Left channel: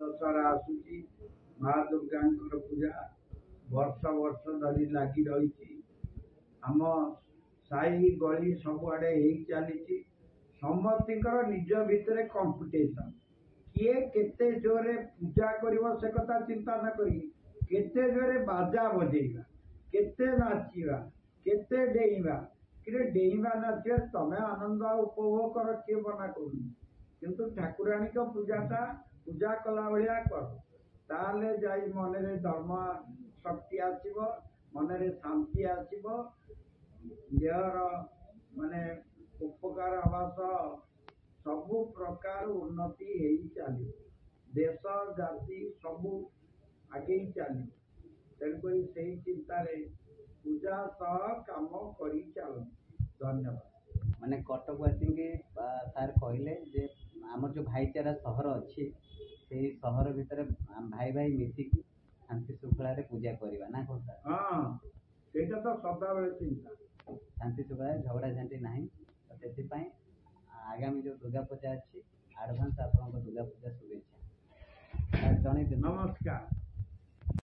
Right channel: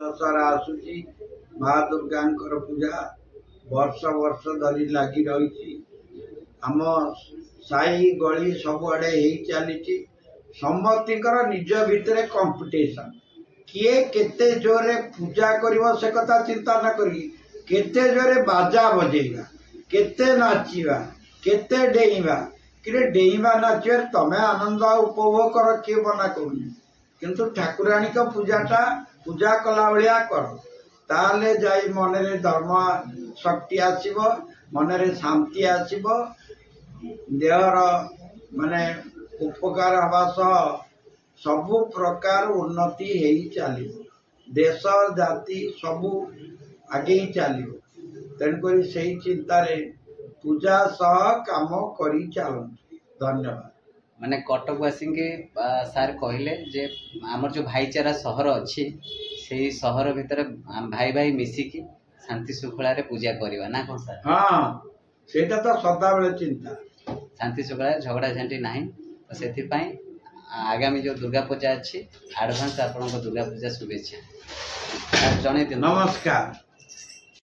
दशहरा आसूची माँ दुर्गा पूजा वर्ष वर्ष धरी लगी रही। आम साई गली सबुआड़े चली समस्तर निज भितर कंपिटिशन किए केते जोरे पूजा करिवो से कथा चिंता न करी केते जोरे बाजा बजेगा केते नाचिबा केते डेइबा कि डेइबा नाचिबा तमें आनंद उपभोग कर किए मना करूनी किंतु ठाकुराणी का पूजाटा पूजा कला भाया कर ताले जाई मनरे धर्म शक्ति आसीबो मनरे शांति आसीबो देहर माने उपकार हवा सह सबु प्रकार उन्नति हो चलो देश जाति सबू आगे चलो तेणुक से चिंतार पूजा सह काम करी चलती। धन्यवाद। माने कटकवासी के सार कहले जे आमर जो भाईचारा सहर अच्छी से सहर भितर भाई भाई मिसिकी शांति श्रृंखला रे पूजा करवा ना कौन सर? हाँ सेटा तो सदा बेले चिंता शांति श्रृंखला झगड़ा झांटी नहीं तो से आगामी जो दुर्गा पूजा अच्छी आडभांस आपन दुर्गा पूजा शुभेच्छा जन। नमस्कार।